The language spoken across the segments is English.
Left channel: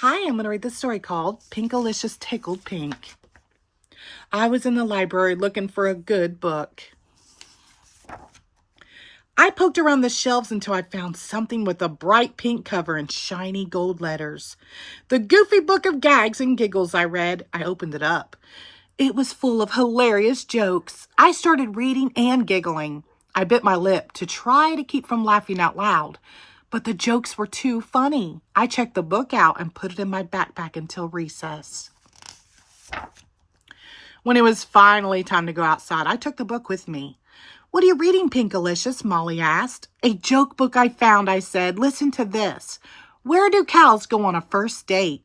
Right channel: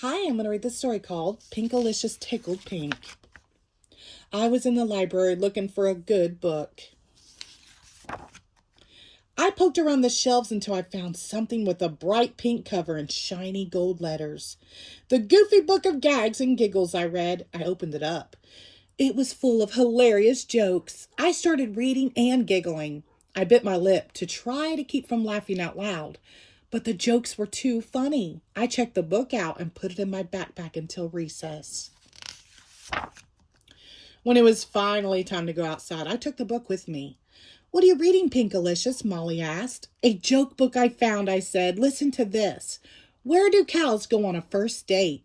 Hi, I'm going to read this story called Pinkalicious, Tickled Pink. I was in the library looking for a good book. I poked around the shelves until I found something with a bright pink cover and shiny gold letters. The Goofy Book of Gags and Giggles, I read. I opened it up. It was full of hilarious jokes. I started reading and giggling. I bit my lip to try to keep from laughing out loud, but the jokes were too funny. I checked the book out and put it in my backpack until recess. When it was finally time to go outside, I took the book with me. "What are you reading, Pinkalicious?" Molly asked. "A joke book I found," I said. "Listen to this. Where do cows go on a first date?"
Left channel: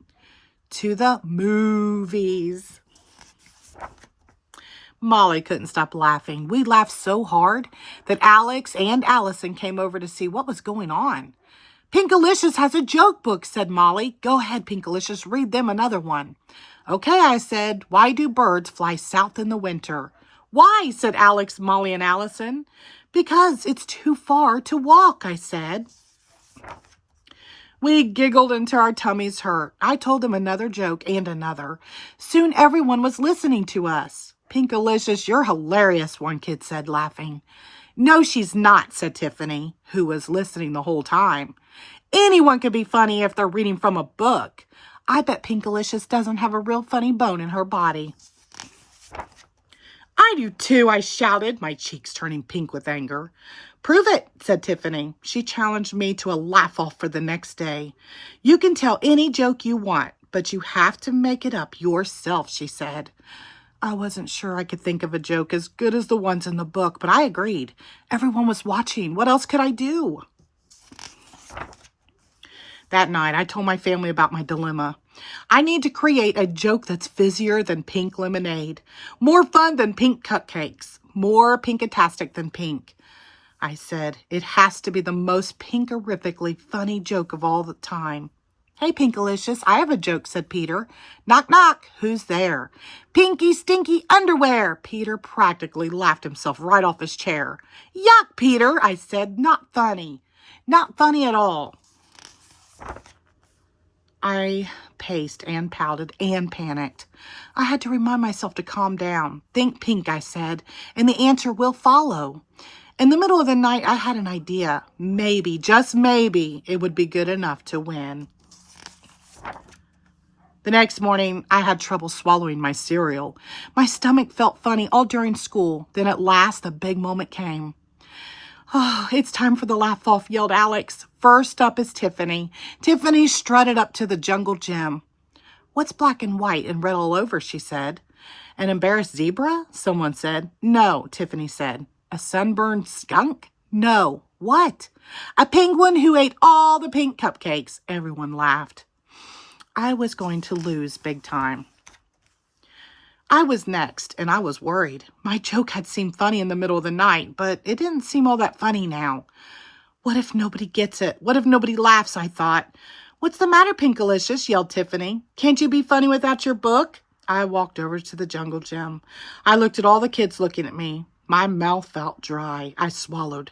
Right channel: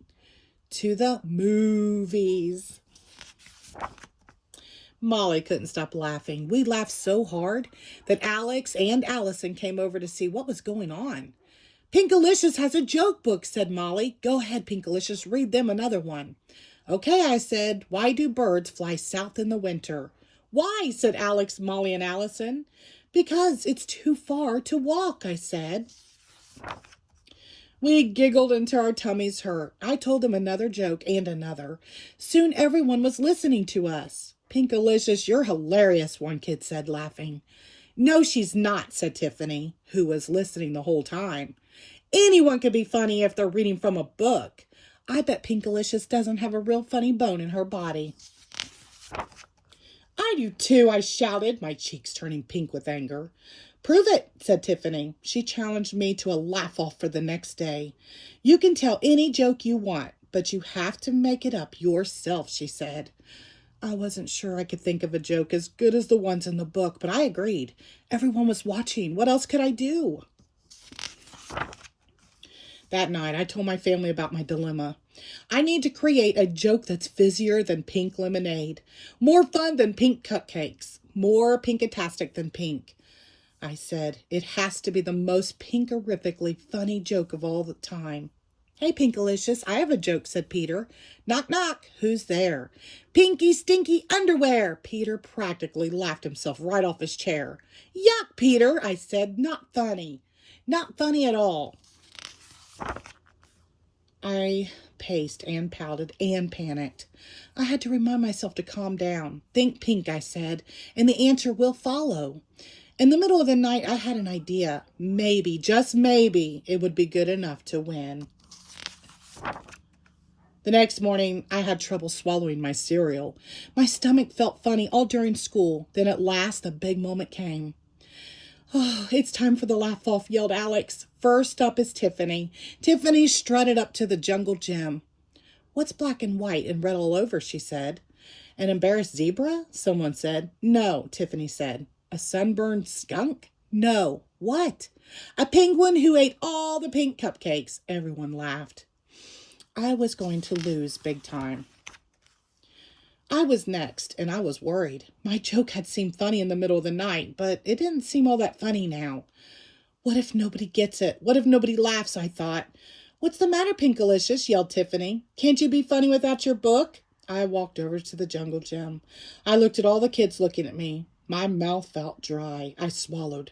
"To the movies." Molly couldn't stop laughing. We laughed so hard that Alex and Allison came over to see what was going on. "Pinkalicious has a joke book," said Molly. "Go ahead, Pinkalicious, read them another one." "Okay," I said. "Why do birds fly south in the winter?" "Why?" said Alex, Molly, and Allison. "Because it's too far to walk," I said. We giggled until our tummies hurt. I told them another joke and another. Soon everyone was listening to us. "Pinkalicious, you're hilarious," one kid said, laughing. "No, she's not," said Tiffany, who was listening the whole time. "Anyone can be funny if they're reading from a book. I bet Pinkalicious doesn't have a real funny bone in her body." "I do too," I shouted, my cheeks turning pink with anger. "Prove it," said Tiffany. She challenged me to a laugh-off for the next day. "You can tell any joke you want, but you have to make it up yourself," she said. I wasn't sure I could think of a joke as good as the ones in the book, but I agreed. Everyone was watching. What else could I do? That night, I told my family about my dilemma. I need to create a joke that's fizzier than pink lemonade, more fun than pink cupcakes, more pinkatastic than pink. I said, it has to be the most pinkerifically funny joke of all the time. "Hey, Pinkalicious, I have a joke," said Peter. "Knock, knock. Who's there?" "Pinky stinky underwear." Peter practically laughed himself right off his chair. "Yuck, Peter," I said. "Not funny. Not funny at all." I paced and pouted and panicked. I had to remind myself to calm down. "Think pink," I said, "and the answer will follow." In the middle of the night, I had an idea. Maybe, just maybe, it would be good enough to win. The next morning, I had trouble swallowing my cereal. My stomach felt funny all during school. Then at last, the big moment came. "Oh, it's time for the laugh-off," yelled Alex. First up is Tiffany. Tiffany strutted up to the jungle gym. "What's black and white and red all over?" she said. "An embarrassed zebra?" someone said. "No," Tiffany said. "A sunburned skunk?" "No." "What?" "A penguin who ate all the pink cupcakes." Everyone laughed. I was going to lose big time. I was next, and I was worried. My joke had seemed funny in the middle of the night, but it didn't seem all that funny now. What if nobody gets it? What if nobody laughs? I thought. "What's the matter, Pinkalicious?" yelled Tiffany. "Can't you be funny without your book?" I walked over to the jungle gym. I looked at all the kids looking at me. My mouth felt dry. I swallowed.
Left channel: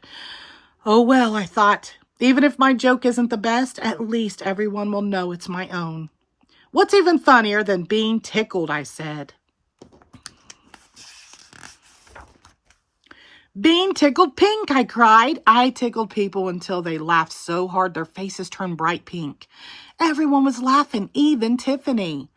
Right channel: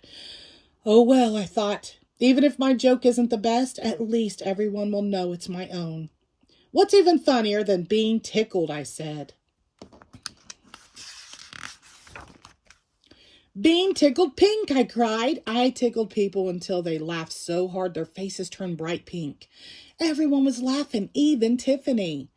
"Oh, well," I thought. "Even if my joke isn't the best, at least everyone will know it's my own." "What's even funnier than being tickled?" I said. "Being tickled pink," I cried. I tickled people until they laughed so hard their faces turned bright pink. Everyone was laughing, even Tiffany.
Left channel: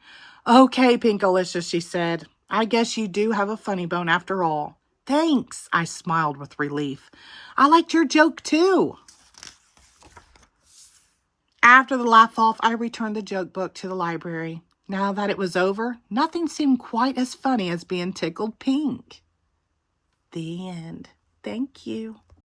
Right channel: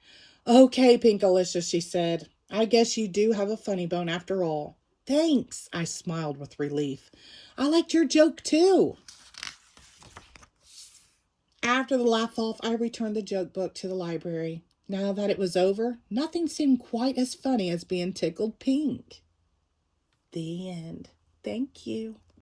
"Okay, Pinkalicious," she said. "I guess you do have a funny bone after all." "Thanks," I smiled with relief. "I liked your joke too." After the laugh-off, I returned the joke book to the library. Now that it was over, nothing seemed quite as funny as being tickled pink. The end. Thank you.